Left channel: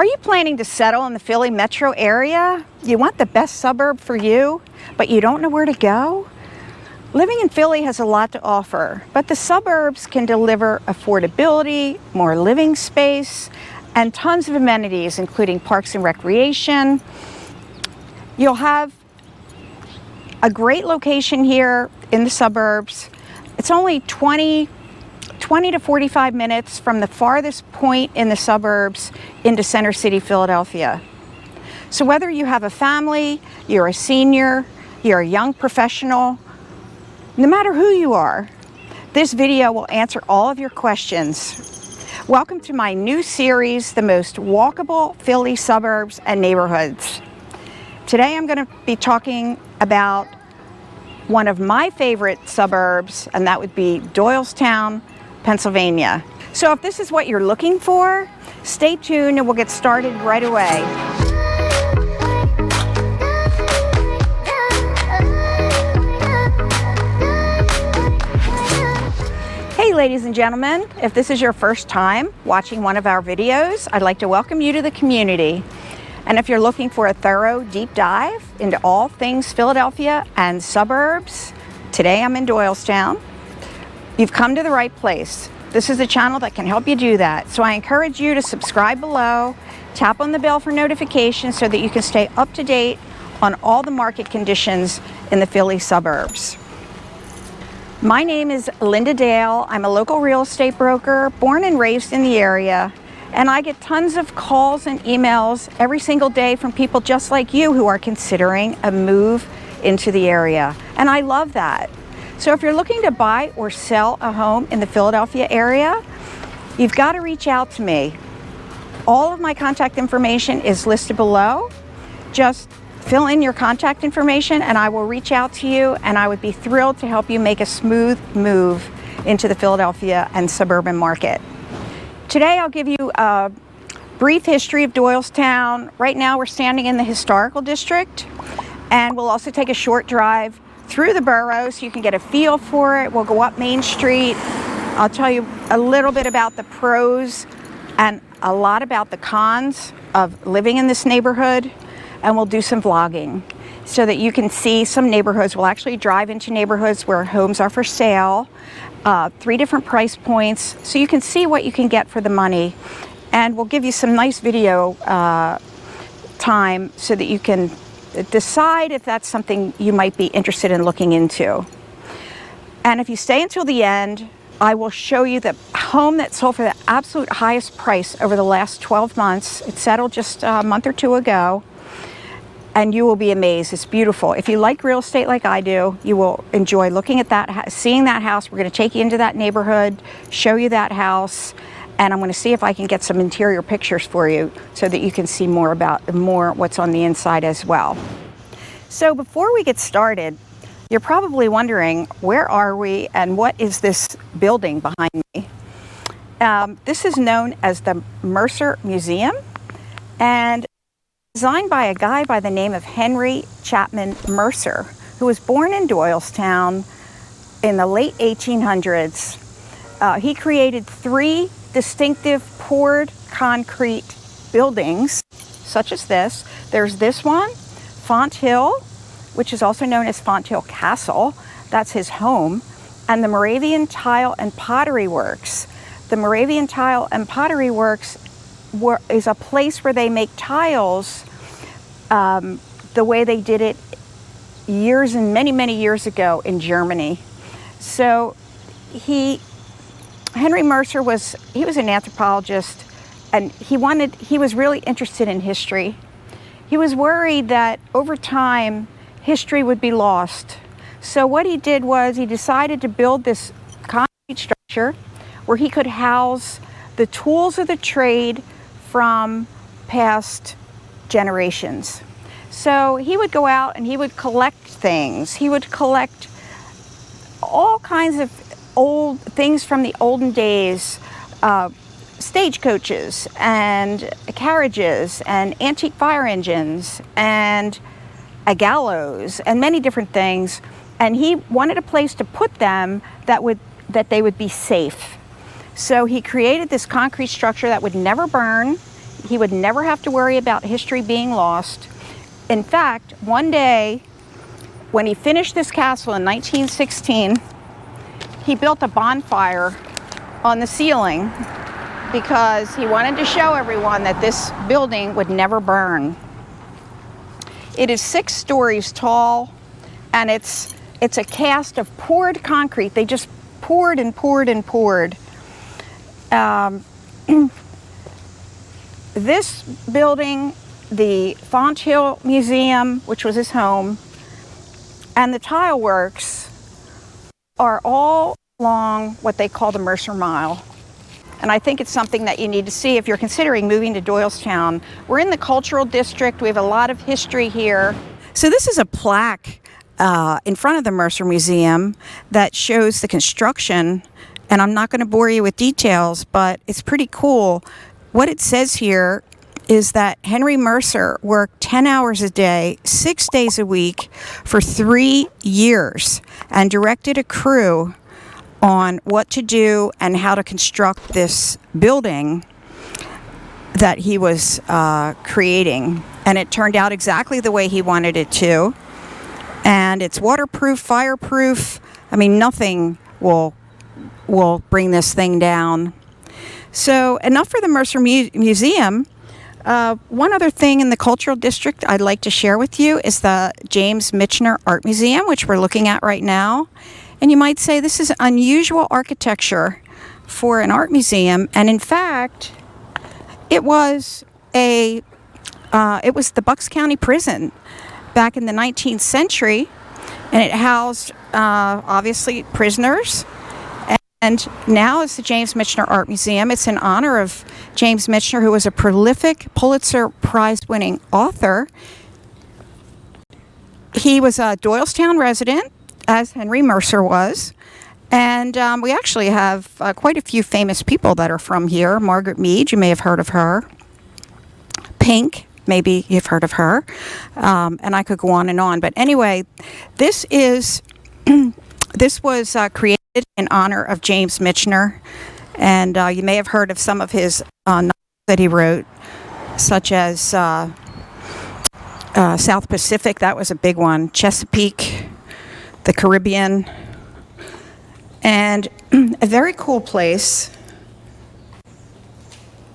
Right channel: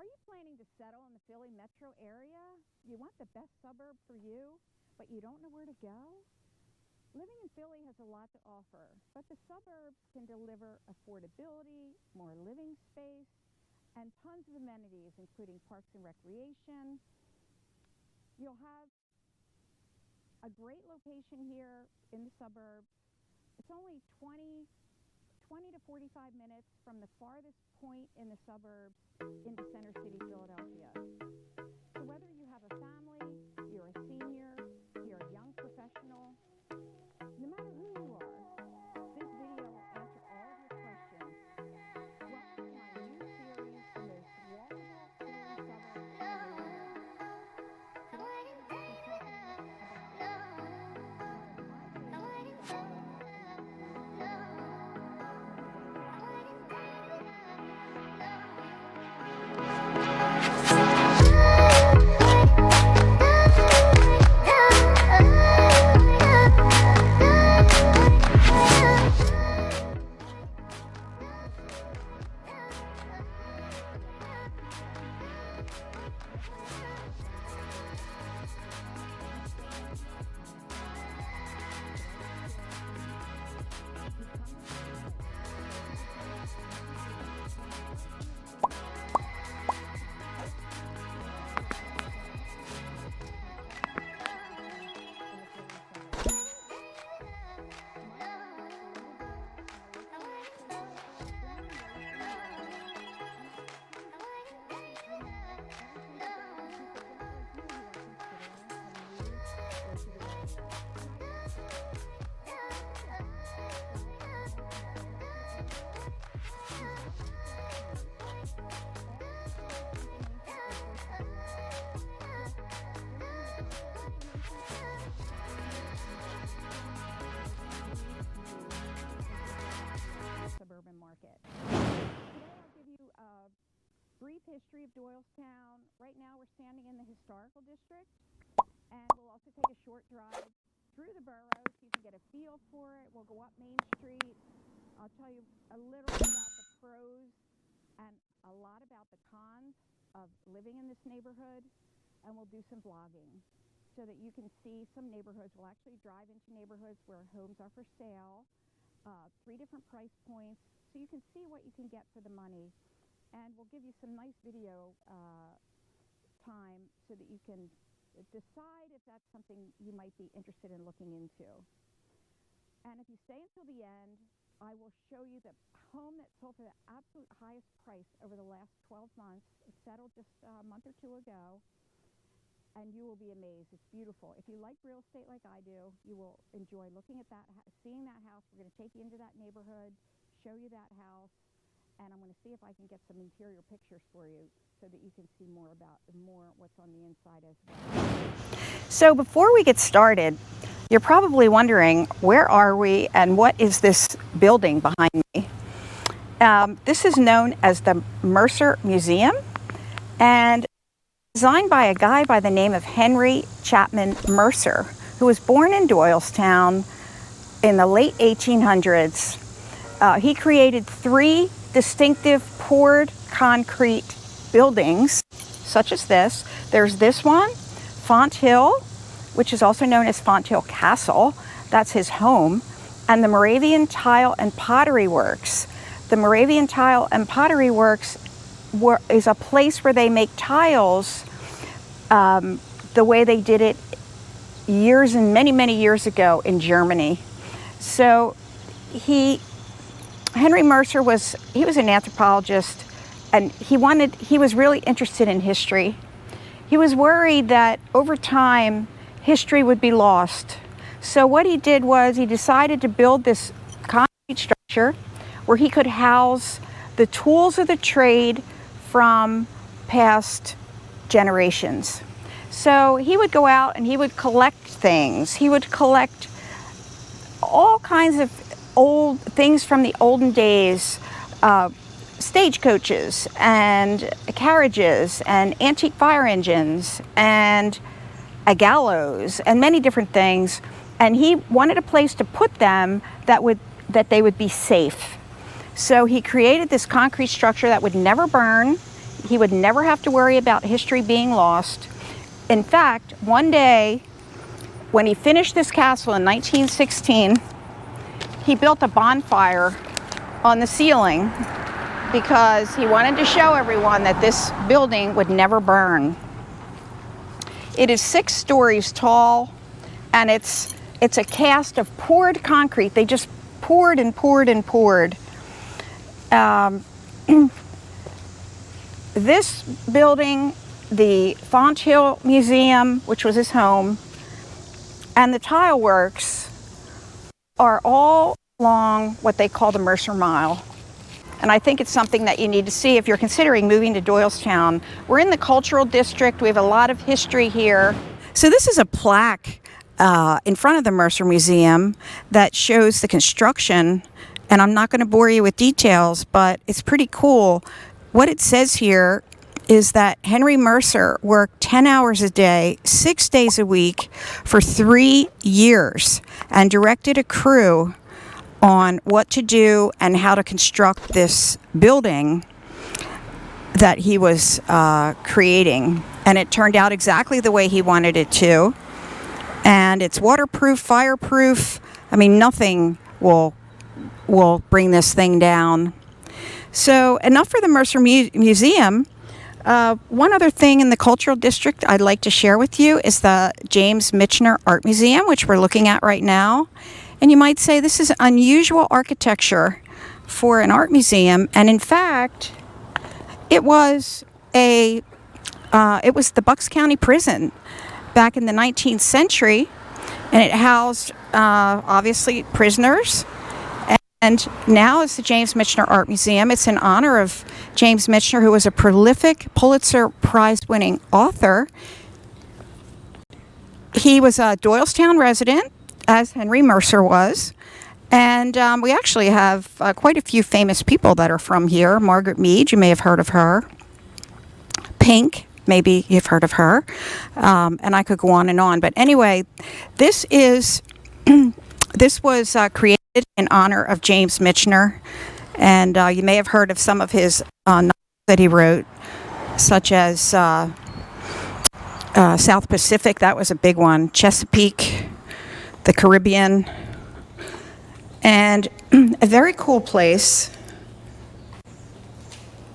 Are you planning to settle in the Philly metro area? You want the best suburb for you, but you don't know where to go? Living in Philly has a lot to offer, but the suburbs can deliver affordability, more living space, and tons of amenities, including parks and recreation. You'll have a great location here in the suburbs. It's only 20 to 45 minutes from the farthest point in the suburbs into Center City, Philadelphia. So whether you have a family, you're a senior, you're a young professional, no matter who you are, this video will answer all of your questions. Welcome to my new series, The Most Walkable Philly Suburbs and Neighborhoods. Today I'm going to be talking about one of my favorite suburbs, and that would be Doylestown, Pennsylvania. So if this is what you're looking for, stay tuned and we'll get started right away. Hey ladies and gentlemen, if this is your first time watching one of our videos, I'd like to welcome you to the community. And if you're looking for a thorough deep dive into all things Philadelphia and suburbs, today I'm in Doylestown. You've come to the right place. This is a channel that can help you do that. So I encourage you to subscribe below, tap on the bell for notifications so that you can stay up to date on all the market conditions in the Philly suburbs. My name is Linda Dale. I'm a local real estate broker, born and raised in the area, and I get tons of calls and emails every single day from people just like you who are considering a move into the area. And I love that. So if you're looking to buy or sell a home in the Philadelphia area, you've got to reach out to me. All of my contact information is listed below. Just fill in your contact information and I will reach out to you, and I would be thrilled to help you make a smooth move into the Philadelphia and suburban market. Today I'll give you a brief history of Doylestown. Right now we're standing in the historical district, and we'll also take a short drive through the borough so you can get a feel for it. We'll go up Main Street. I'll tell you a little bit about the pros and a lot about the cons of living in this neighborhood, and we'll do some vlogging so that you can see some neighborhoods. We'll actually drive into neighborhoods where homes are for sale, 3 different price points, so you can see what you can get for the money. And we'll give you some nice video time so that you can decide if that's something you might be interested in looking into. And if you stay until the end, I will show you the home that sold for the absolute highest price over the last 12 months. It settled just a month or 2 ago, and you will be amazed. It's beautiful. If you like real estate like I do, you will enjoy looking at that, seeing that house. We're going to take you into that neighborhood, show you that house, and I'm going to see if I can get some interior pictures for you so that you can see more what's on the inside as well. So before we get started, you're probably wondering, where are we and what is this building behind me? This is known as the Mercer Museum, and designed by a guy by the name of Henry Chapman Mercer, who was born in Doylestown in the late 1800s. He created 3 distinctive poured concrete buildings, such as this. There's this one, Font Hill, which is also known as Font Hill Castle. That's his home. And the Moravian Tile and Pottery Works. The Moravian Tile and Pottery Works is a place where they make tiles the way they did it many years ago in Germany. So Henry Mercer was an anthropologist, and he was really interested in history. He was worried that over time history would be lost. So what he did was he decided to build this concrete structure where he could house the tools of the trade from past generations. So he would go out and he would collect things. He would collect all kinds of old things from the olden days, stagecoaches and carriages and antique fire engines and a gallows and many different things. And he wanted a place to put them that they would be safe. So he created this concrete structure that would never burn. he would never have to worry about history being lost. In fact, one day when he finished this castle in 1916, he built a bonfire on the ceiling because he wanted to show everyone that this building would never burn. It is 6 stories tall, and it's a cast of poured concrete. They just poured and poured and poured. This building, the Fonthill Museum, which was his home, and the tile works are all along what they call the Mercer Mile. And I think it's something that you need to see if you're considering moving to Doylestown. We're in the cultural district. We have a lot of history here. So this is a plaque in front of the Mercer Museum that shows the construction. And I'm not going to bore you with details, but it's pretty cool. What it says here is that Henry Mercer worked 10 hours a day, 6 days a week for 3 years and directed a crew on what to do and how to construct this building that he was creating. And it turned out exactly the way he wanted it to. And it's waterproof, fireproof. I mean, nothing will bring this thing down. So enough for the Mercer Museum. One other thing in the cultural district I'd like to share with you is the James Michener Art Museum, which we're looking at right now. And you might say this is unusual architecture for an art museum. And in fact, it was the Bucks County Prison back in the 19th century. And it housed, obviously, prisoners. And now it's the James Michener Art Museum. It's in honor of James Michener, who was a prolific Pulitzer Prize-winning author. He was a Doylestown resident, as Henry Mercer was. And we actually have quite a few famous people that are from here. Margaret Mead, you may have heard of her. Pink, maybe you've heard of her. And I could go on and on. But anyway, this was created in honor of James Michener. And you may have heard of some of his novels that he wrote, such as South Pacific. That was a big one. Chesapeake, the Caribbean, and a very cool place.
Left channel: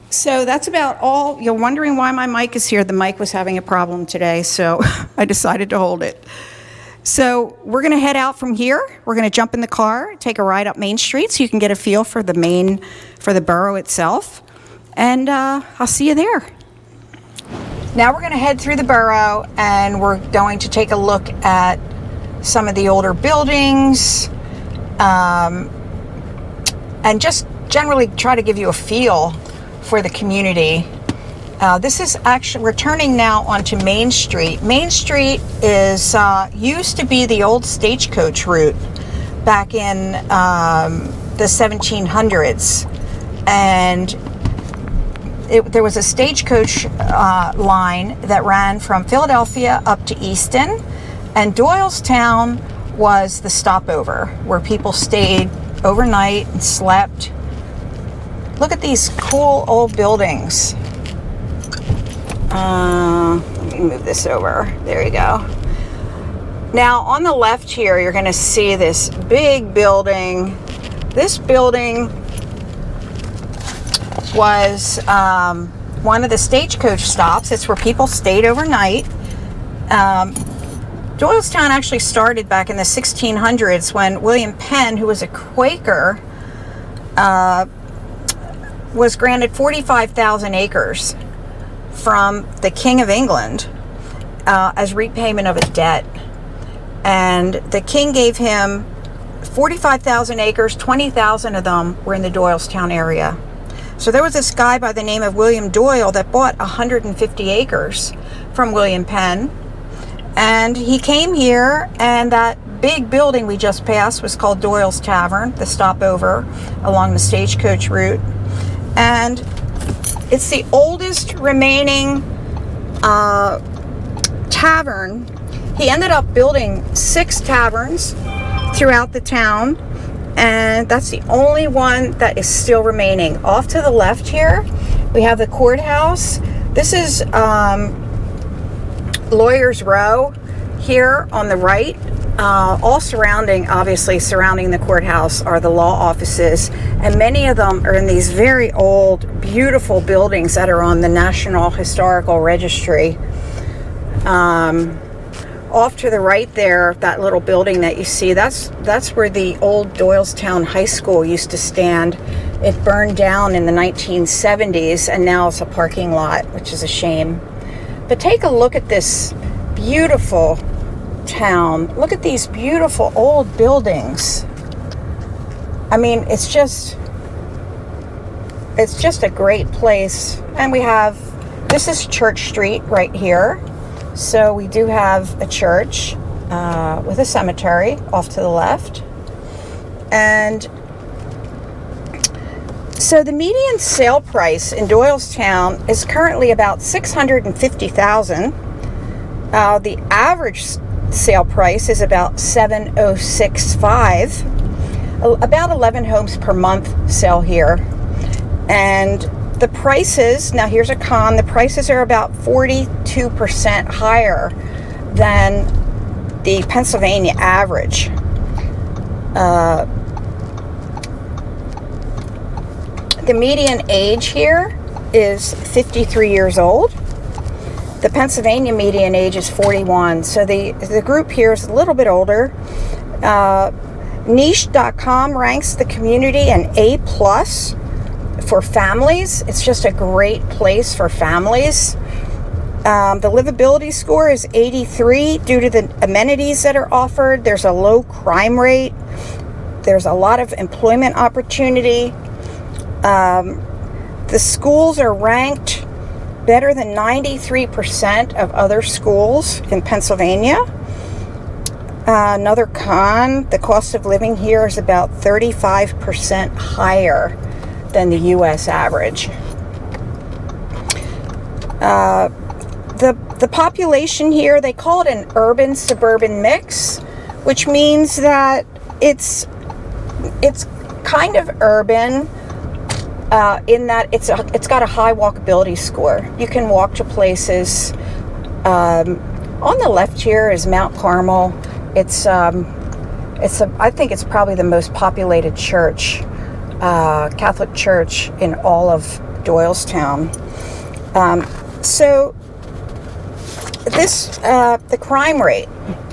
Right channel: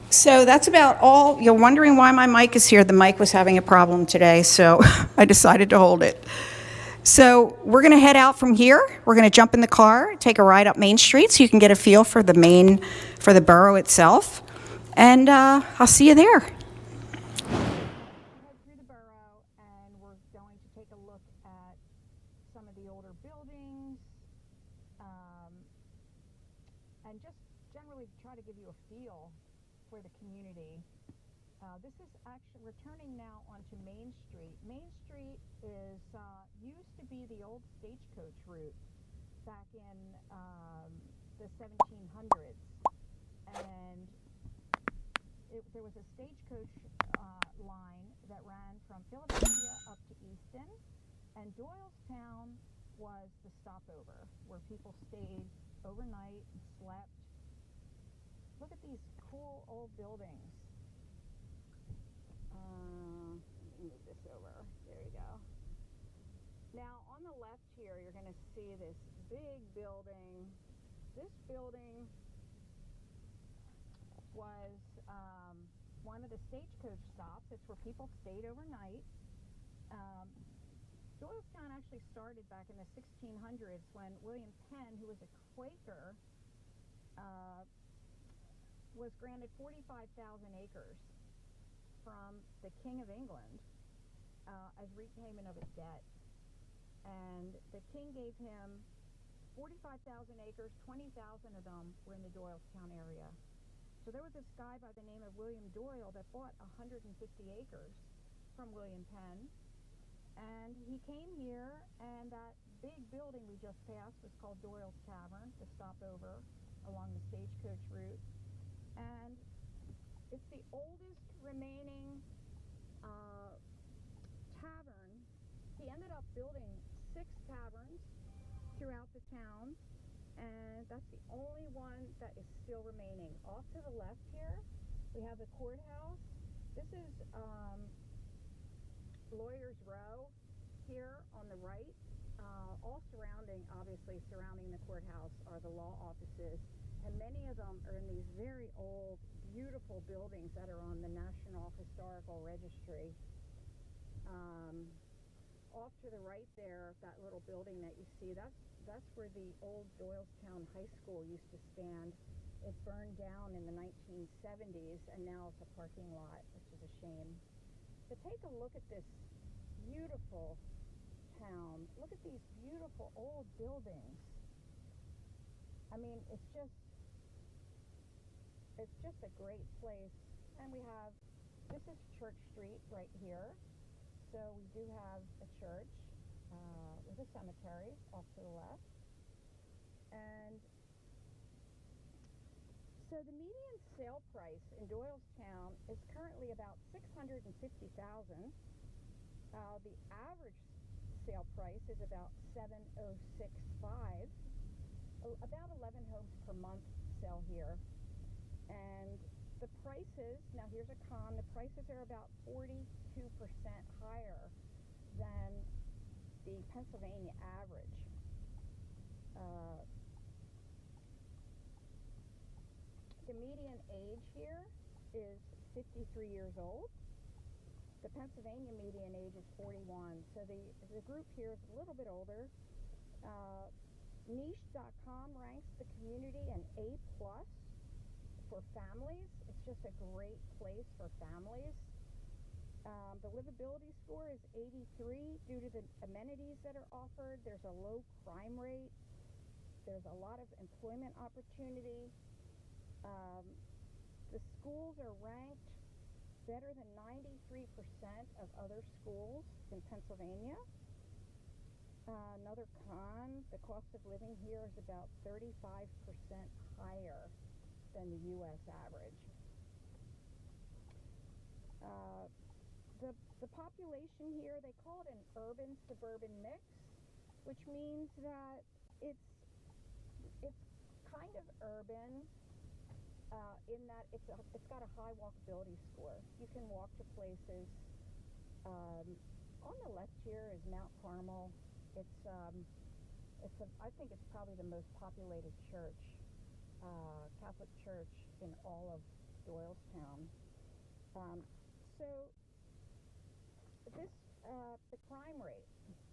So that's about all. You're wondering why my mic is here. The mic was having a problem today, so I decided to hold it. So we're going to head out from here. We're going to jump in the car, take a ride up Main Street so you can get a feel for the borough itself. And I'll see you there. Now we're going to head through the borough, and we're going to take a look at some of the older buildings, and just generally try to give you a feel for the community. This is actually, we're turning now onto Main Street. Main Street is used to be the old stagecoach route back in the 1700s, and there was a stagecoach line that ran from Philadelphia up to Easton. And Doylestown was the stopover where people stayed overnight and slept. Look at these cool old buildings. Let me move this over. There you go. Now on the left here, you're going to see this big building. This building was one of the stagecoach stops. It's where people stayed overnight. Doylestown actually started back in the 1600s when William Penn, who was a Quaker, was granted 45,000 acres from the King of England as repayment of a debt. And the king gave him 45,000 acres, 20,000 of them were in the Doylestown area. So there was this guy by the name of William Doyle that bought 150 acres from William Penn. And he came here, and that big building we just passed was called Doyle's Tavern, the stopover along the stagecoach route. And it's the oldest remaining tavern. He ended up building 6 taverns throughout the town, and that's the only one that is still remaining. Off to the left here We have the courthouse. This is Lawyers Row here on the right. All obviously surrounding the courthouse are the law offices, and many of them are in these very old, beautiful buildings that are on the National Historical Registry. Off to the right there, that little building that you see, that's where the old Doylestown High School used to stand. It burned down in the 1970s, and now it's a parking lot, which is a shame. But take a look at this beautiful town. Look at these beautiful old buildings. I mean, it's just a great place. And this is Church Street right here. So we do have a church with a cemetery off to the left. And so the median sale price in Doylestown is currently about $650,000. The average sale price is about $706,500. About 11 homes per month sell here. And the prices, now here's a con, the prices are about 42% higher than the Pennsylvania average. The median age here is 53 years old. The Pennsylvania median age is 41. So the group here is a little bit older. Niche.com ranks the community an A+ for families. It's just a great place for families. The livability score is 83 due to the amenities that are offered. There's a low crime rate. There's a lot of employment opportunity. The schools are ranked better than 93% of other schools in Pennsylvania. Another con, the cost of living here is about 35% higher than the U.S. average. The population here, they call it an urban-suburban mix, which means that it's kind of urban in that it's got a high walkability score. You can walk to places. On the left here is Mount Carmel. I think it's probably the most populated church, Catholic church in all of Doylestown. So the crime rate.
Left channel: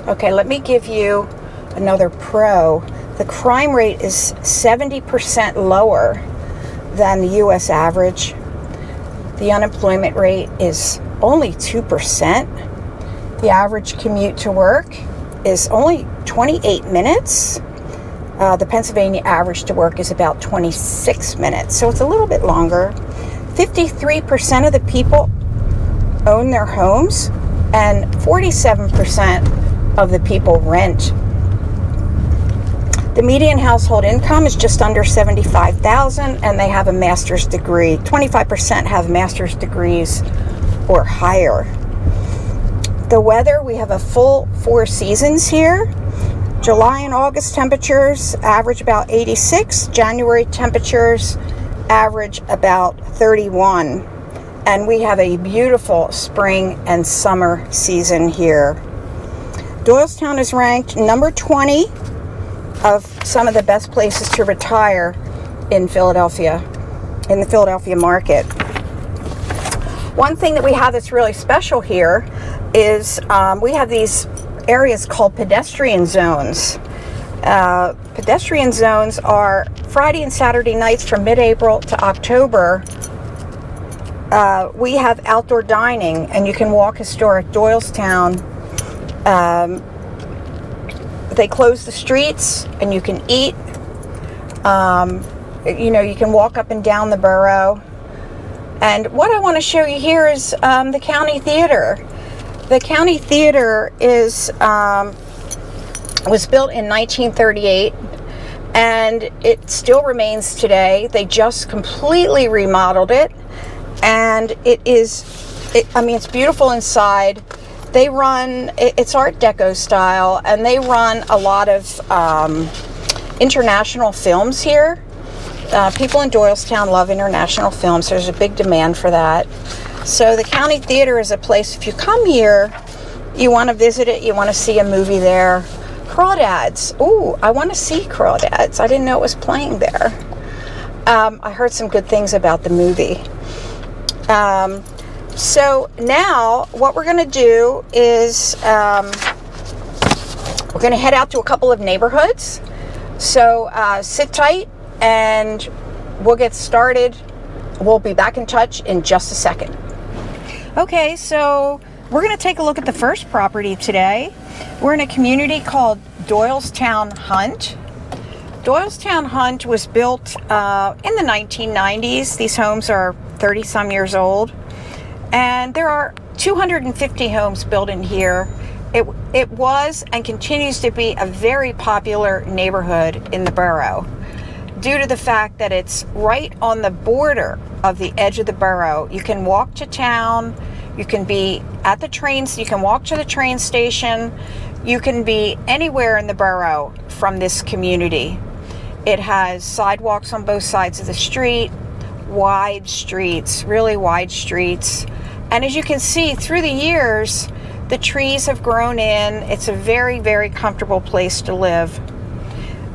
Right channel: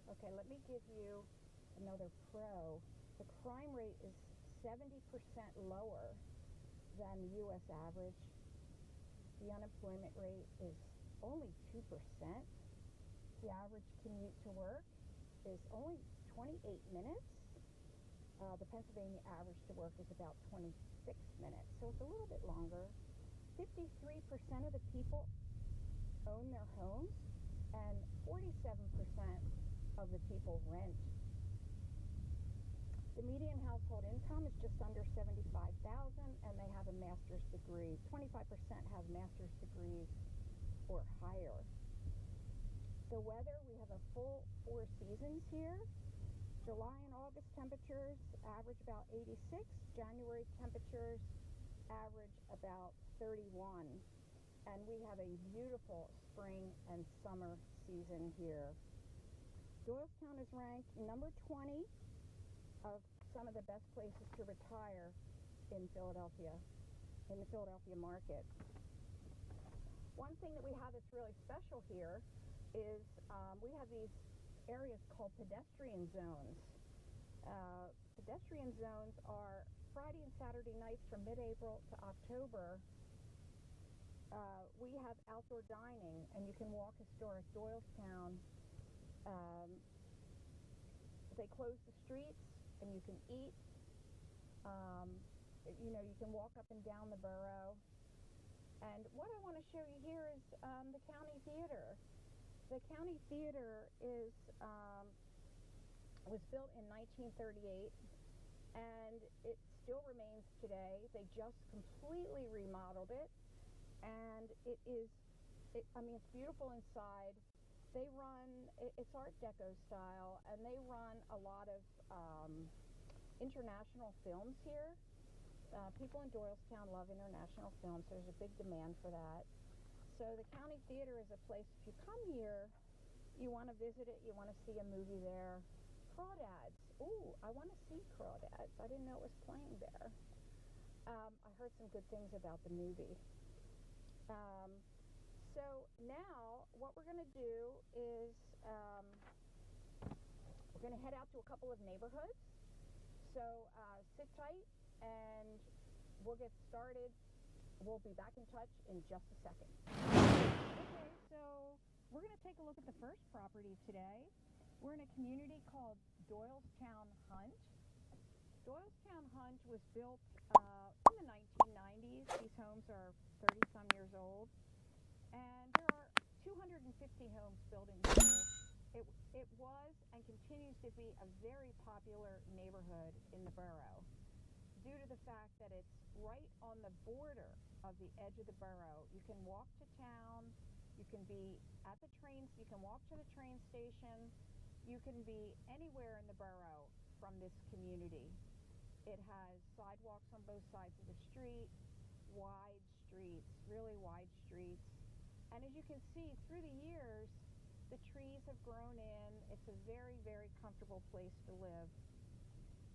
Okay, let me give you another pro. The crime rate is 70% lower than the U.S. average. The unemployment rate is only 2%. The average commute to work is only 28 minutes. The Pennsylvania average to work is about 26 minutes, so it's a little bit longer. 53% of the people own their homes, and 47% of the people rent. The median household income is just under $75,000, and they have a master's degree. 25% have master's degrees or higher. The weather, we have a full 4 seasons here. July and August temperatures average about 86. January temperatures average about 31. And we have a beautiful spring and summer season here. Doylestown is ranked number 20 of some of the best places to retire in Philadelphia, in the Philadelphia market. One thing that we have that's really special here is we have these areas called pedestrian zones. Pedestrian zones are Friday and Saturday nights from mid-April to October. We have outdoor dining, and you can walk historic Doylestown. They close the streets, and you can eat. You can walk up and down the borough. And what I want to show you here is the county theater. The county theater was built in 1938, and it still remains today. They just completely remodeled it, and it's beautiful inside. They run, it's Art Deco style, and they run a lot of international films here. People in Doylestown love international films. There's a big demand for that. So the County Theater is a place, if you come here, you want to visit it, you want to see a movie there. Crawdads. Ooh, I want to see Crawdads. I didn't know it was playing there. I heard some good things about the movie. So now what we're going to do is we're going to head out to a couple of neighborhoods. So sit tight and we'll get started. We'll be back in touch in just a second. Okay, so we're going to take a look at the first property today. We're in a community called Doylestown Hunt. Doylestown Hunt was built in the 1990s. These homes are 30-some years old. And there are 250 homes built in here. It was and continues to be a very popular neighborhood in the borough due to the fact that it's right on the border of the edge of the borough. You can walk to town, you can be at the trains, you can walk to the train station, you can be anywhere in the borough from this community. It has sidewalks on both sides of the street, wide streets, really wide streets. And as you can see, through the years, the trees have grown in. It's a very, very comfortable place to live.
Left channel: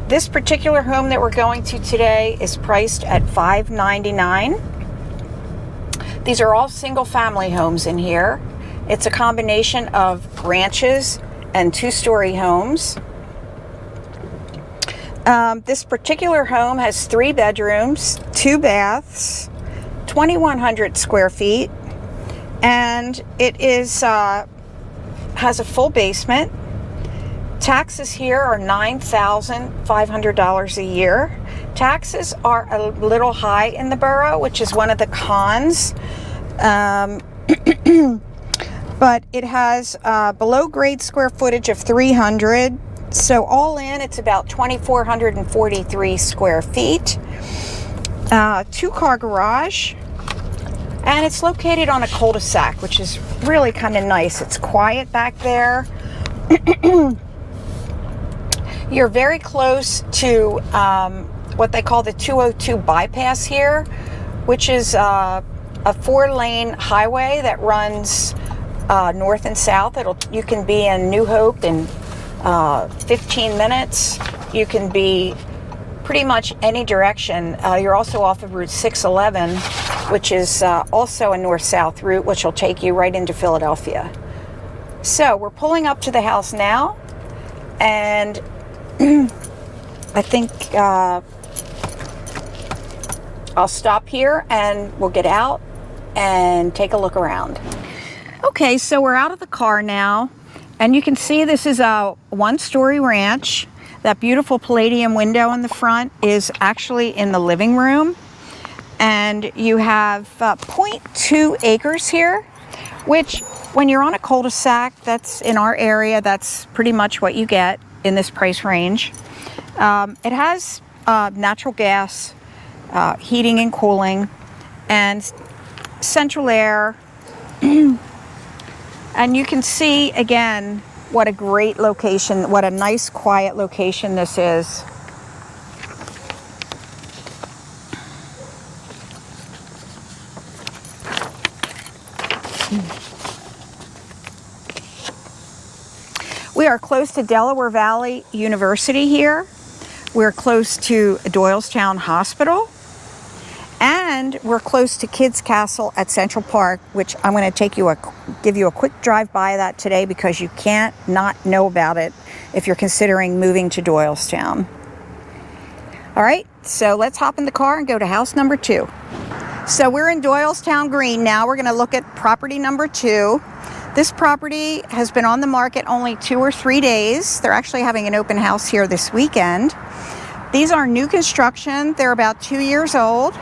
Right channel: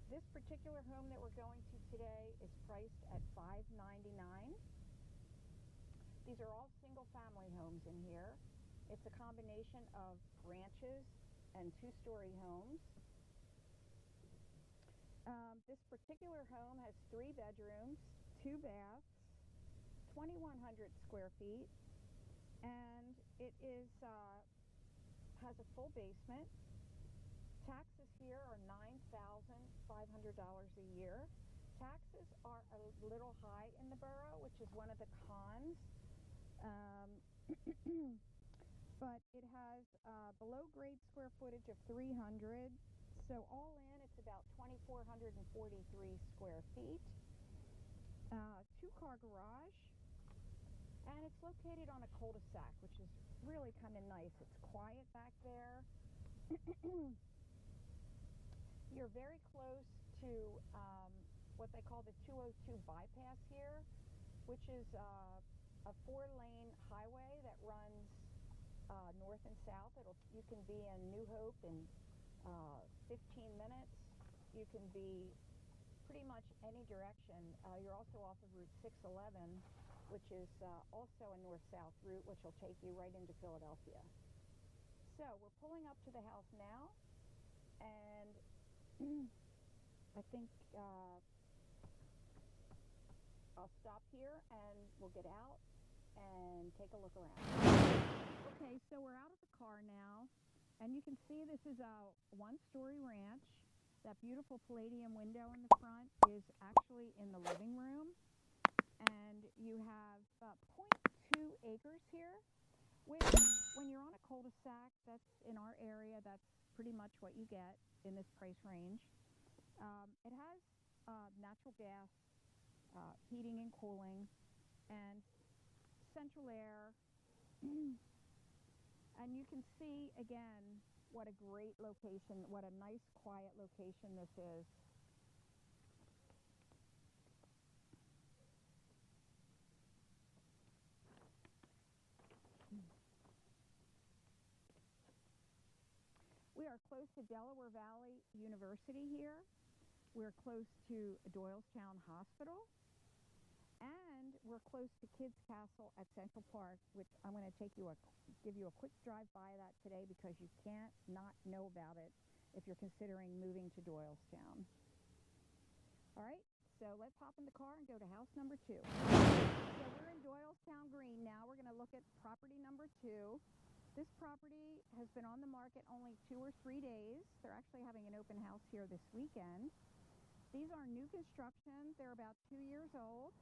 This particular home that we're going to today is priced at $599. These are all single-family homes in here. It's a combination of ranches and two-story homes. This particular home has 3 bedrooms, 2 baths, 2,100 square feet, and it is has a full basement. Taxes here are $9,500 a year. Taxes are a little high in the borough, which is one of the cons. But it has below grade square footage of 300. So all in, it's about 2,443 square feet. 2-car garage. And it's located on a cul-de-sac, which is really kind of nice. It's quiet back there. You're very close to what they call the 202 bypass here, which is a 4-lane highway that runs north and south. You can be in New Hope in 15 minutes. You can be pretty much any direction. You're also off of Route 611, which is also a north-south route, which will take you right into Philadelphia. So we're pulling up to the house now, and I think I'll stop here and we'll get out and take a look around. Okay, so we're out of the car now, and you can see this is a 1-story ranch. That beautiful palladium window in the front is actually in the living room. And you have 0.2 acres here, which when you're on a cul-de-sac, that's in our area, that's pretty much what you get in this price range. It has natural gas, heating and cooling, and central air. And you can see, again, what a great location, what a nice, quiet location this is. We are close to Delaware Valley University here. We're close to Doylestown Hospital. And we're close to Kids Castle at Central Park, which I'm going to give you a quick drive by that today because you can't not know about it if you're considering moving to Doylestown. All right, so let's hop in the car and go to house number 2. So we're in Doylestown Green now. We're going to look at property number 2. This property has been on the market only 2 or 3 days. They're actually having an open house here this weekend. These are new construction. They're about 2 years old.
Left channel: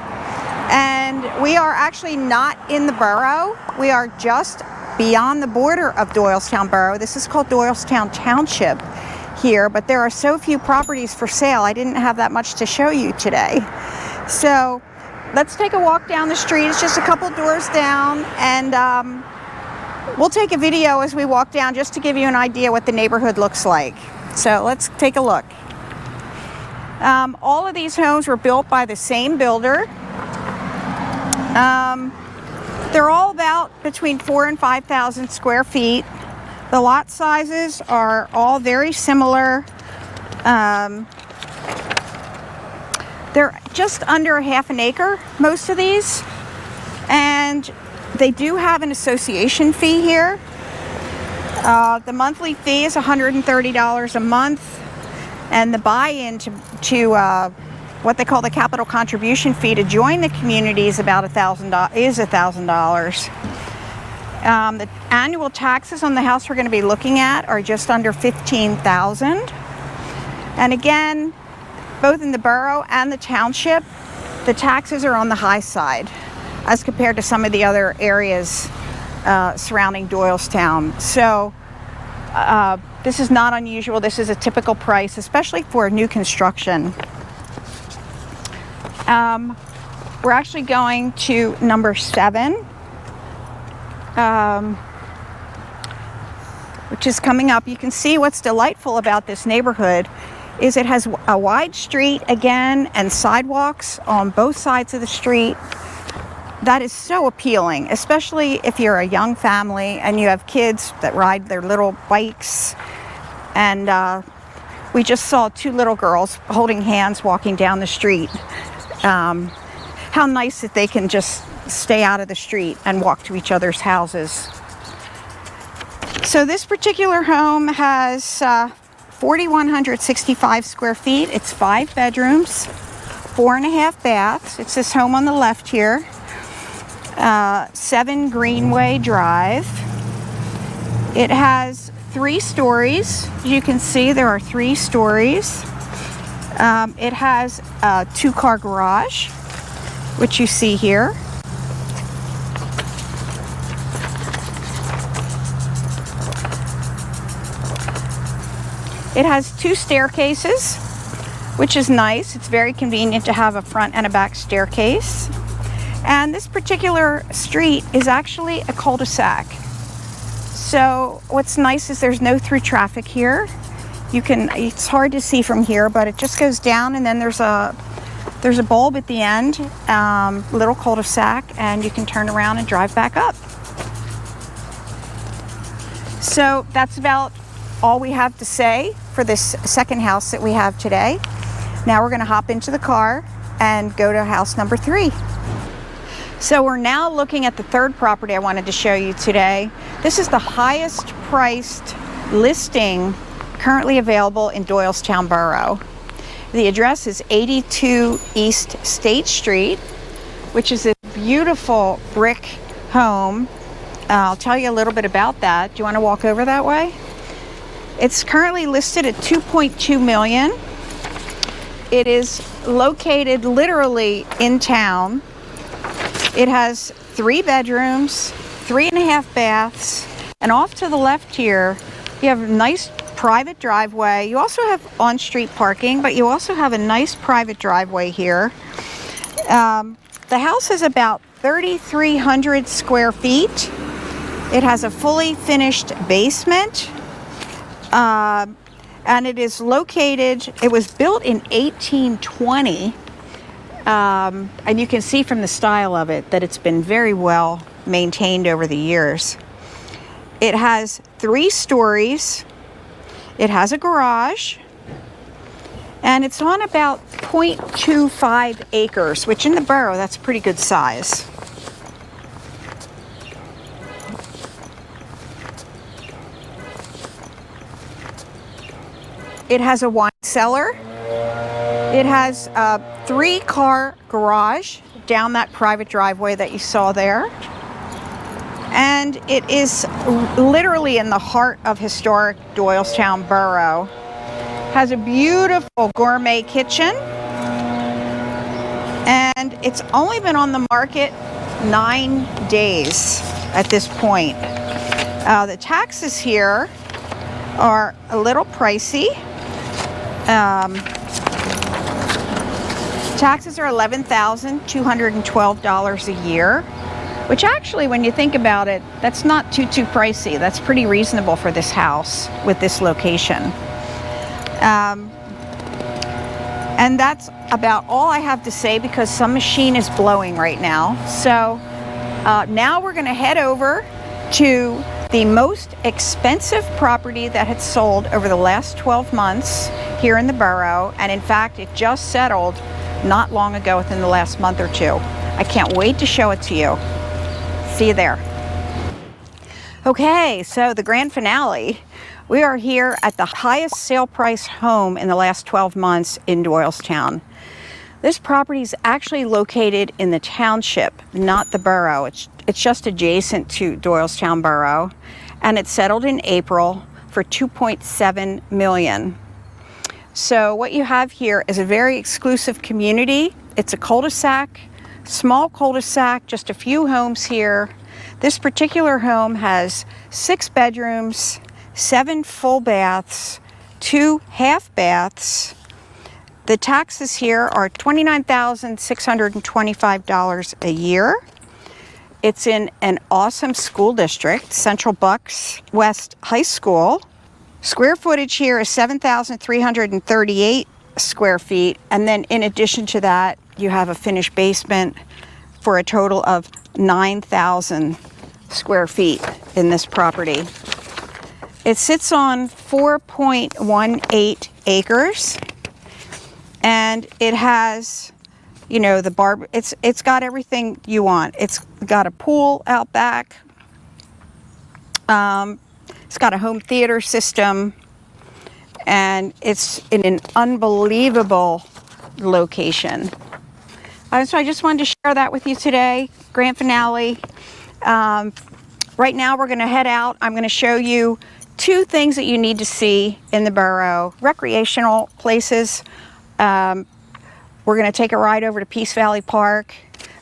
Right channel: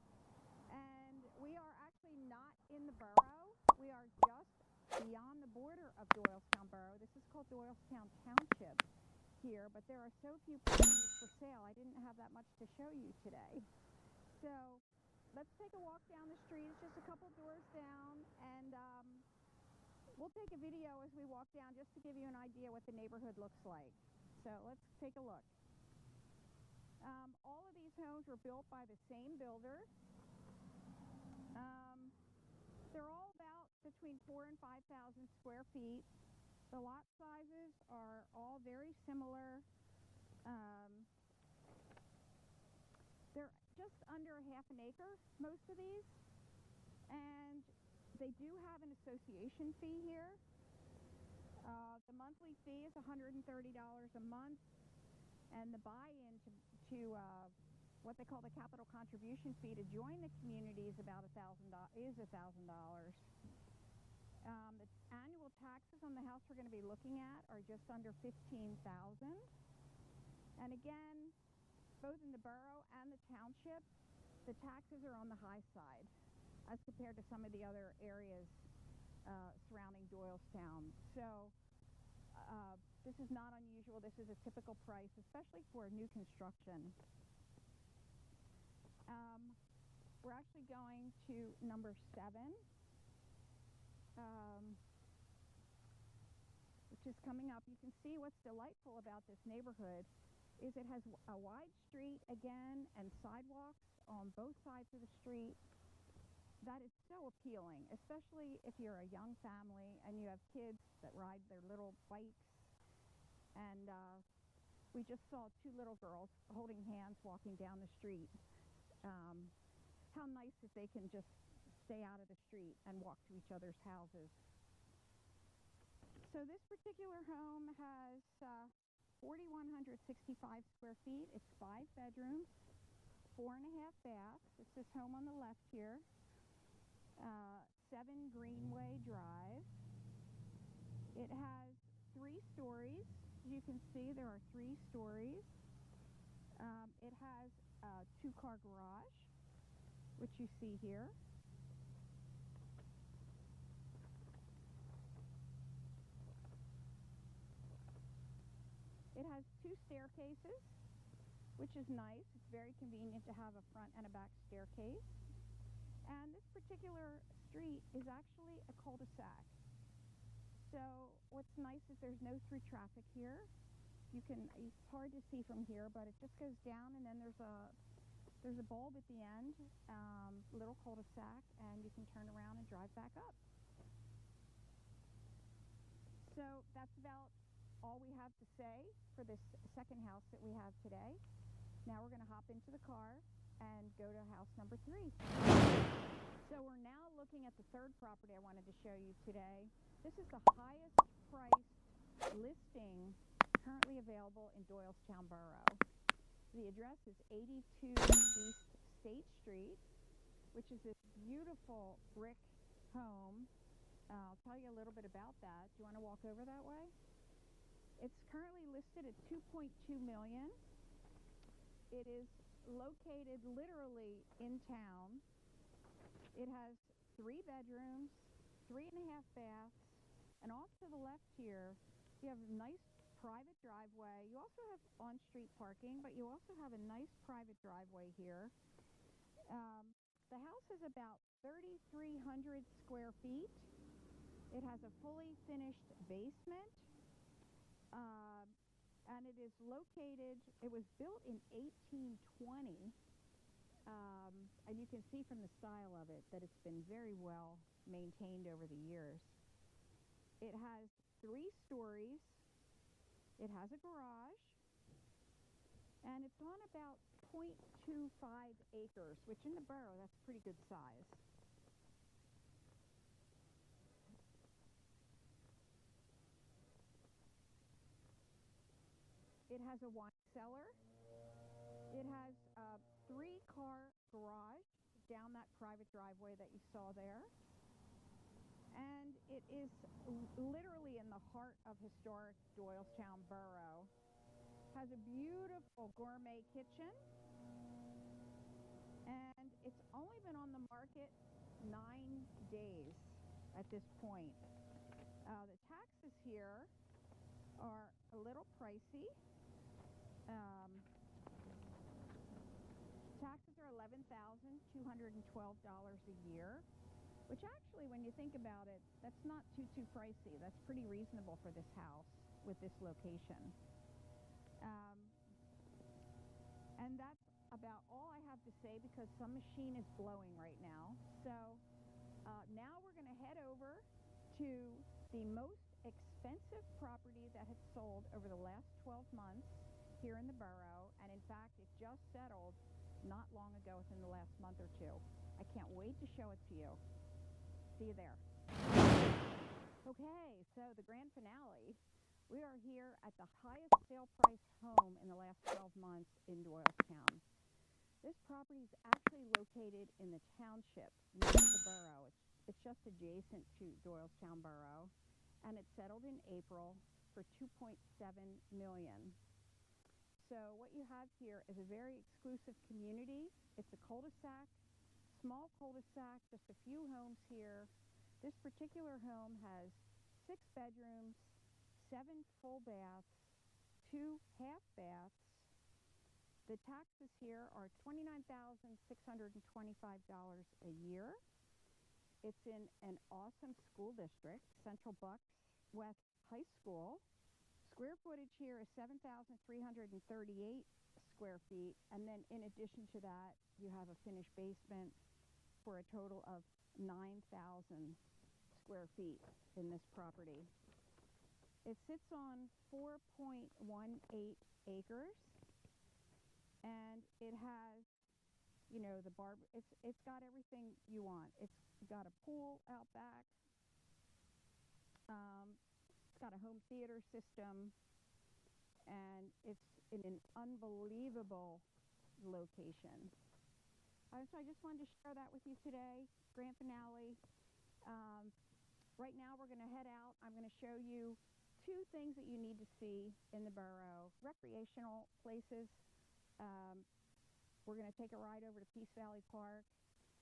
And we are actually not in the borough. We are just beyond the border of Doylestown Borough. This is called Doylestown Township here, but there are so few properties for sale. I didn't have that much to show you today. So let's take a walk down the street. It's just a couple doors down, and we'll take a video as we walk down just to give you an idea what the neighborhood looks like. So let's take a look. All of these homes were built by the same builder. They're all about between 4,000 and 5,000 square feet. The lot sizes are all very similar. They're just under half an acre, most of these. And they do have an association fee here. The monthly fee is $130 a month. And the buy-in to what they call the capital contribution fee to join the community is about $1,000. The annual taxes on the house we're going to be looking at are just under $15,000. And again, both in the borough and the township, the taxes are on the high side as compared to some of the other areas surrounding Doylestown. So this is not unusual. This is a typical price, especially for new construction. We're actually going to number 7, which is coming up. You can see what's delightful about this neighborhood is it has a wide street again and sidewalks on both sides of the street. That is so appealing, especially if you're a young family and you have kids that ride their little bikes. And we just saw 2 little girls holding hands walking down the street. How nice that they can just stay out of the street and walk to each other's houses. So this particular home has 4,165 square feet. It's 5 bedrooms, 4.5 baths. It's this home on the left here. 7 Greenway Drive. It has 3 stories. As you can see, there are 3 stories. It has a 2-car garage, which you see here. It has 2 staircases, which is nice. It's very convenient to have a front and a back staircase. And this particular street is actually a cul-de-sac. So what's nice is there's no through traffic here. It's hard to see from here, but it just goes down, and then there's a bulb at the end, little cul-de-sac, and you can turn around and drive back up. So that's about all we have to say for this second house that we have today. Now we're going to hop into the car and go to house number 3. So we're now looking at the third property I wanted to show you today. This is the highest priced listing currently available in Doylestown Borough. The address is 82 East State Street, which is a beautiful brick home. I'll tell you a little bit about that. Do you want to walk over that way? It's currently listed at $2.2 million. It is located literally in town. It has 3 bedrooms, 3.5 baths, and off to the left here, you have a nice private driveway. You also have on-street parking, but you also have a nice private driveway here. The house is about 3,300 square feet. It has a fully finished basement, and it is located, it was built in 1820. And you can see from the style of it that it's been very well maintained over the years. It has 3 stories. It has a garage. And it's on about 0.25 acres, which in the borough, that's a pretty good size. It has a wine cellar. It has a 3-car garage down that private driveway that you saw there. And it is literally in the heart of historic Doylestown Borough. Has a beautiful gourmet kitchen. And it's only been on the market 9 days at this point. The taxes here are a little pricey. Taxes are $11,212 a year, which actually, when you think about it, that's not too pricey. That's pretty reasonable for this house with this location. And that's about all I have to say because some machine is blowing right now. So now we're going to head over to the most expensive property that had sold over the last 12 months here in the borough. And in fact, it just settled not long ago, within the last month or two. I can't wait to show it to you. See you there. Okay, so the grand finale. We are here at the highest sale price home in the last 12 months in Doylestown. This property is actually located in the township, not the borough. It's just adjacent to Doylestown Borough, and it settled in April for $2.7 million. So what you have here is a very exclusive community. It's a cul-de-sac, small cul-de-sac, just a few homes here. This particular home has 6 bedrooms, 7 full baths, 2 half baths. The taxes here are $29,625 a year. It's in an awesome school district, Central Bucks West High School. Square footage here is 7,338 square feet. And then in addition to that, you have a finished basement for a total of 9,000 square feet in this property. It sits on 4.18 acres, and it has, you know, the it's got everything you want. It's got a pool out back. It's got a home theater system, and it's in an unbelievable location. So I just wanted to share that with you today. Grand finale. Right now we're going to head out. I'm going to show you 2 things that you need to see in the borough. Recreational places. We're going to take a ride over to Peace Valley Park.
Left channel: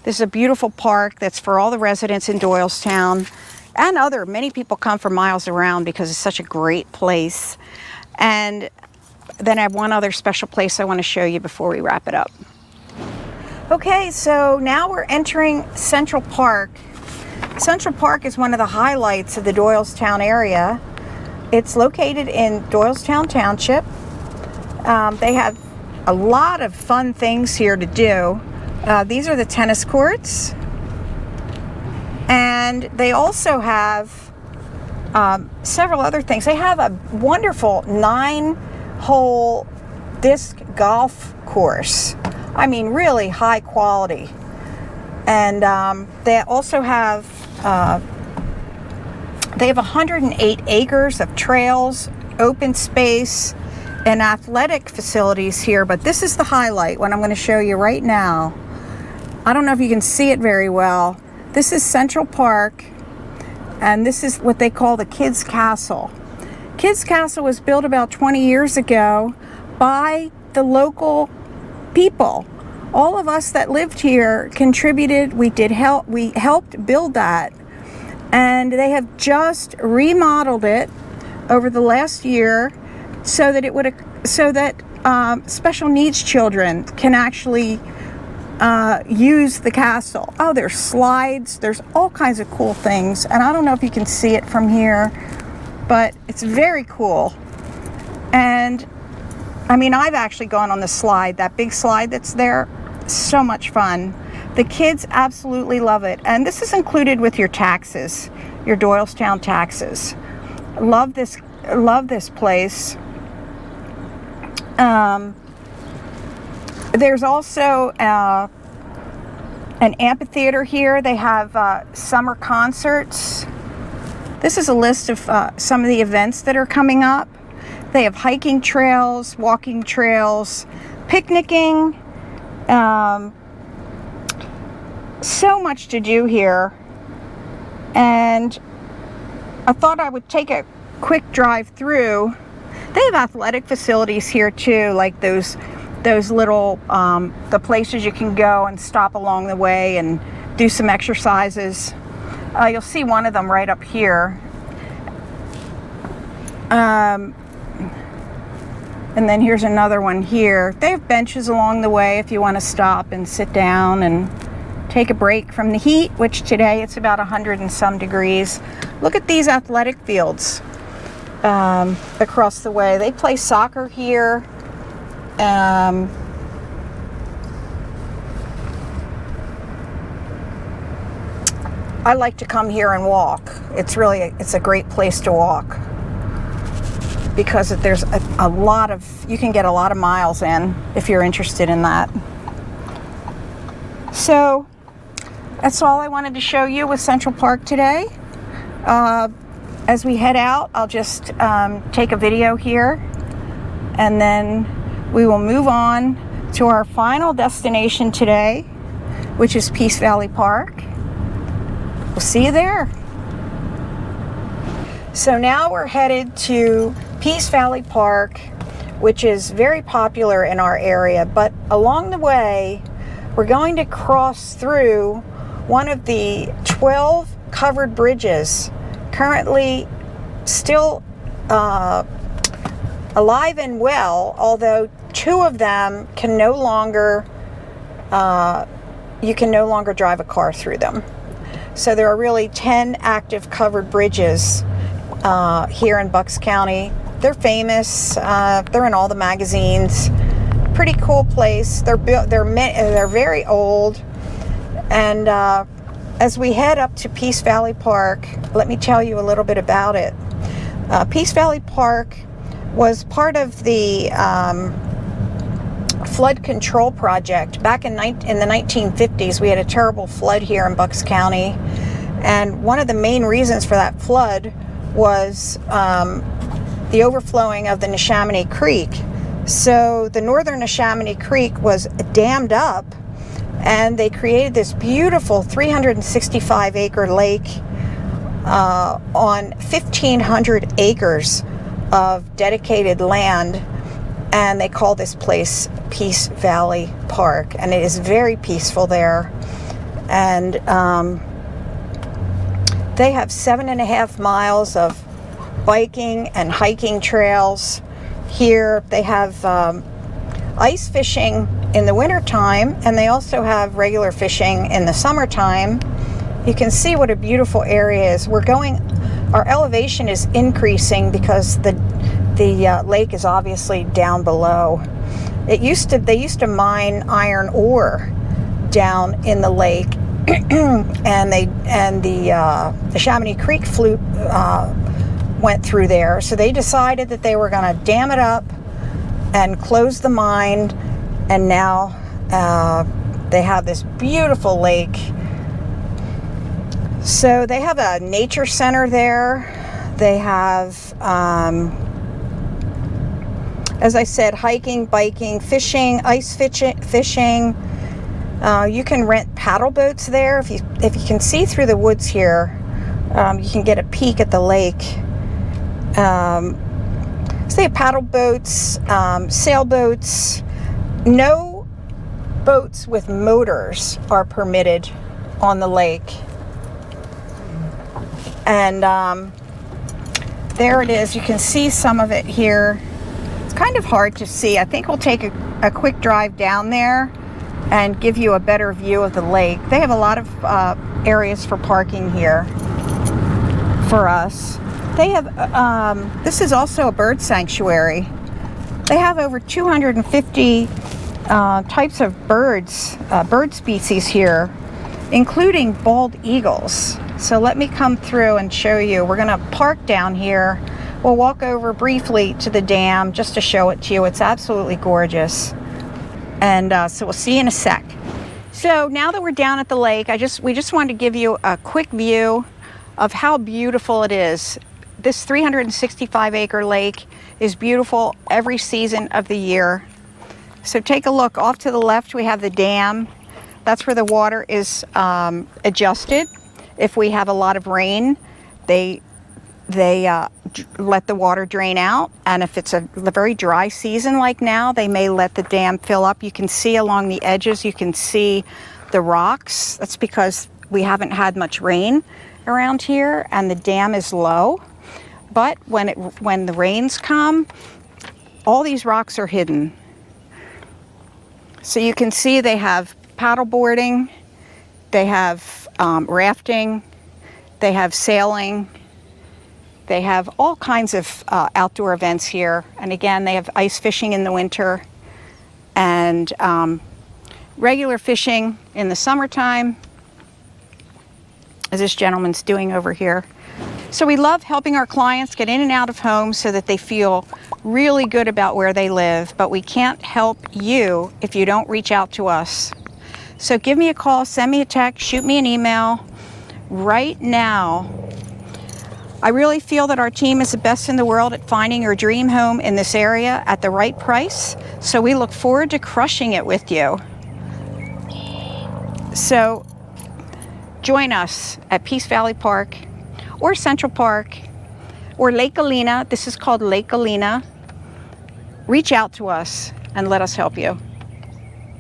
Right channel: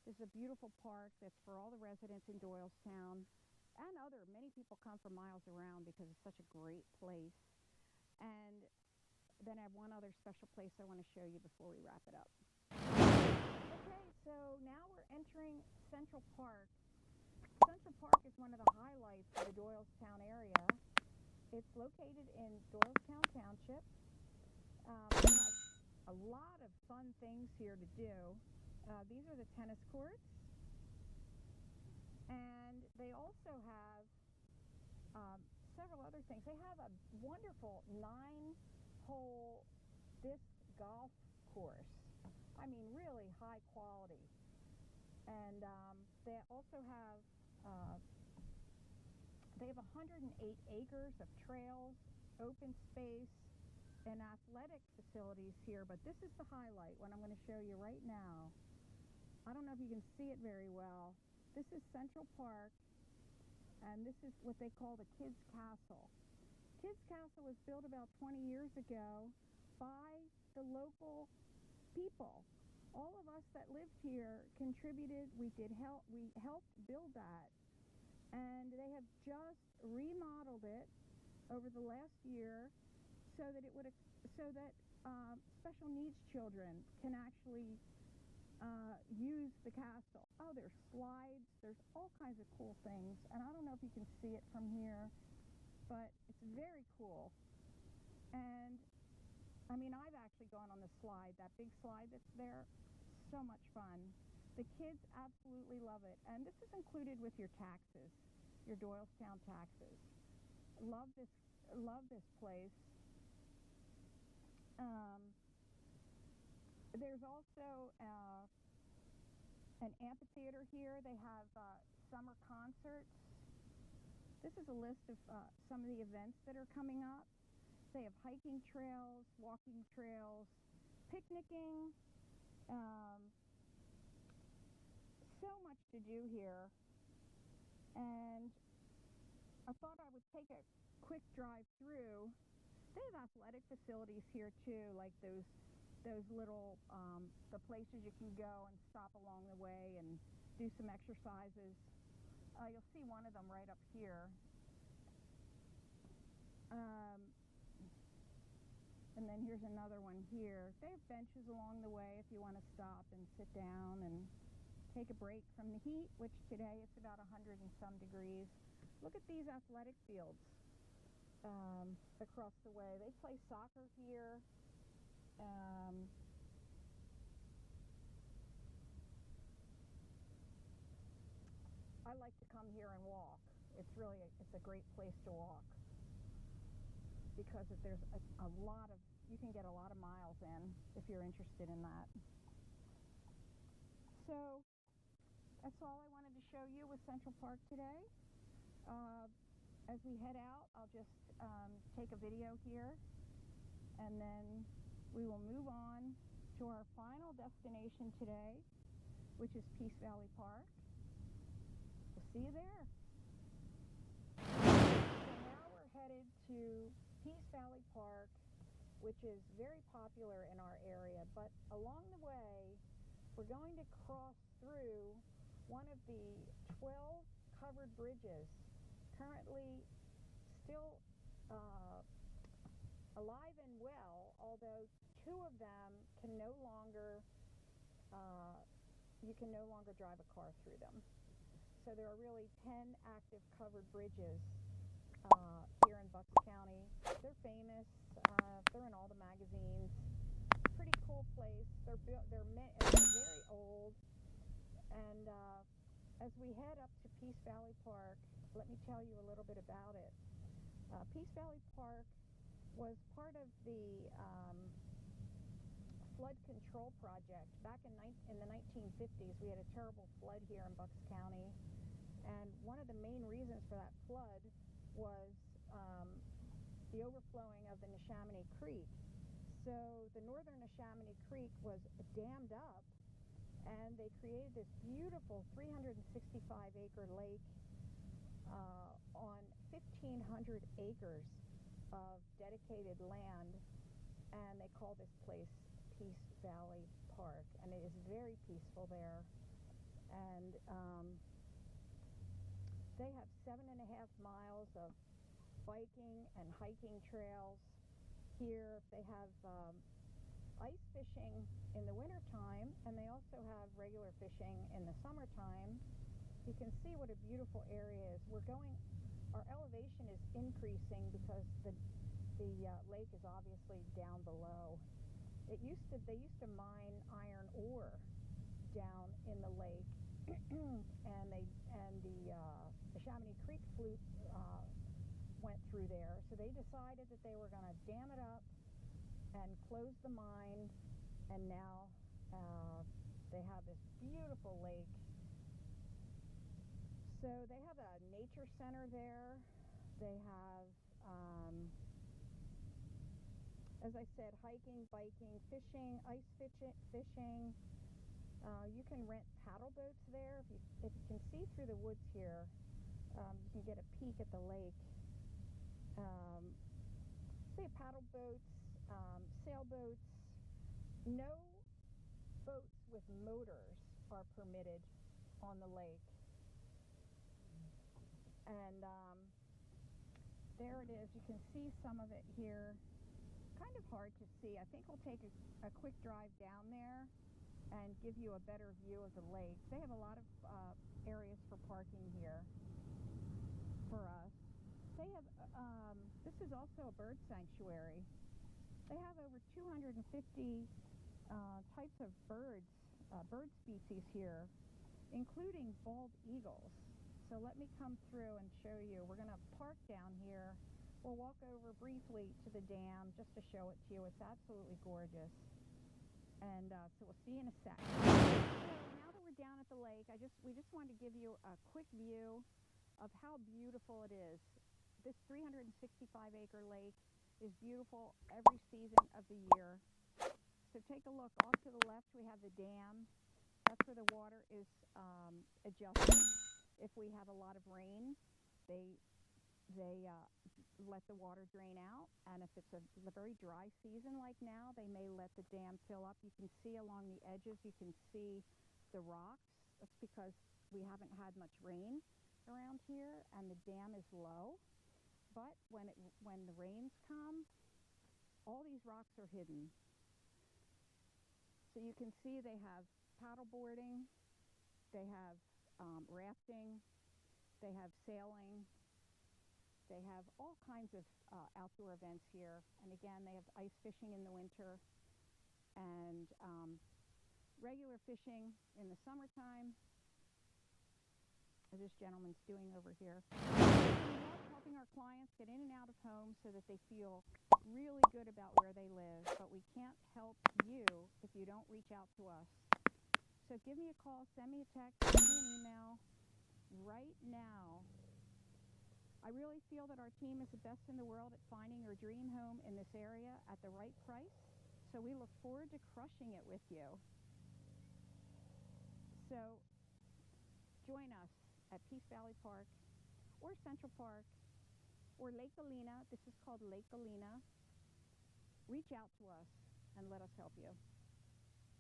This is a beautiful park that's for all the residents in Doylestown and many people come from miles around because it's such a great place. And then I have one other special place I want to show you before we wrap it up. Okay, so now we're entering Central Park. Central Park is one of the highlights of the Doylestown area. It's located in Doylestown Township. They have a lot of fun things here to do. These are the tennis courts. And they also have several other things. They have a wonderful 9-hole disc golf course. I mean, really high quality. And they also have 108 acres of trails, open space, and athletic facilities here. But this is the highlight, what I'm going to show you right now. I don't know if you can see it very well. This is Central Park, and this is what they call the Kids Castle. Kids Castle was built about 20 years ago by the local people. All of us that lived here contributed. We helped build that, and they have just remodeled it over the last year so that special needs children can actually use the castle. Oh, there's slides, there's all kinds of cool things, and I don't know if you can see it from here, but it's very cool. And I mean, I've actually gone on the slide, that big slide that's there. So much fun. The kids absolutely love it, and this is included with your taxes, your Doylestown taxes. Love this place. There's also an amphitheater here. They have summer concerts. This is a list of some of the events that are coming up. They have hiking trails, walking trails, picnicking. So much to do here. And I thought I would take a quick drive through. They have athletic facilities here too, like those little the places you can go and stop along the way and do some exercises. You'll see one of them right up here. And then here's another one here. They have benches along the way if you want to stop and sit down and take a break from the heat, which today it's about 100 and some degrees. Look at these athletic fields across the way. They play soccer here. I like to come here and walk. It's a great place to walk because there's a lot of, you can get a lot of miles in if you're interested in that. So that's all I wanted to show you with Central Park today. As we head out, I'll just take a video here, and then we will move on to our final destination today, which is Peace Valley Park. We'll see you there. So now we're headed to Peace Valley Park, which is very popular in our area, but along the way, we're going to cross through one of the 12 covered bridges currently still alive and well, although 2 of them can no longer, you can no longer drive a car through them. So there are really 10 active covered bridges here in Bucks County. They're famous. They're in all the magazines. Pretty cool place. They're very old. And as we head up to Peace Valley Park, let me tell you a little bit about it. Peace Valley Park was part of the flood control project. Back in the 1950s, we had a terrible flood here in Bucks County. And one of the main reasons for that flood was the overflowing of the Neshaminy Creek. So the northern Neshaminy Creek was dammed up, and they created this beautiful 365-acre lake on 1,500 acres of dedicated land, and they call this place Peace Valley Park, and it is very peaceful there. And they have 7.5 miles of biking and hiking trails here. They have ice fishing in the wintertime, and they also have regular fishing in the summertime. You can see what a beautiful area is. Our elevation is increasing because the lake is obviously down below. They used to mine iron ore down in the lake, and the Chamonix Creek went through there. So they decided that they were going to dam it up and close the mine, and now they have this beautiful lake. So they have a nature center there. They have, as I said, hiking, biking, fishing, ice fishing. You can rent paddle boats there. If you can see through the woods here, you can get a peek at the lake. So they have paddle boats, sailboats. No boats with motors are permitted on the lake. And there it is. You can see some of it here. It's kind of hard to see. I think we'll take a quick drive down there and give you a better view of the lake. They have a lot of areas for parking here for us. They have, this is also a bird sanctuary. They have over 250 types of birds, bird species here, including bald eagles. So let me come through and show you. We're gonna park down here. We'll walk over briefly to the dam just to show it to you. It's absolutely gorgeous. And so we'll see you in a sec. So now that we're down at the lake, we just wanted to give you a quick view of how beautiful it is. This 365-acre lake is beautiful every season of the year. So take a look. Off to the left, we have the dam. That's where the water is adjusted. If we have a lot of rain, they let the water drain out. And if it's a very dry season like now, they may let the dam fill up. You can see along the edges, you can see the rocks. That's because we haven't had much rain around here and the dam is low. But when the rains come, all these rocks are hidden. So you can see they have paddle boarding, they have rafting, they have sailing, they have all kinds of outdoor events here. And again, they have ice fishing in the winter and regular fishing in the summertime. as this gentleman's doing over here. So we love helping our clients get in and out of homes so that they feel really good about where they live, but we can't help you if you don't reach out to us. So give me a call, send me a text, shoot me an email. Right now, I really feel that our team is the best in the world at finding your dream home in this area at the right price. So we look forward to crushing it with you. So join us at Peace Valley Park or Central Park or Lake Alina. This is called Lake Alina. Reach out to us and let us help you.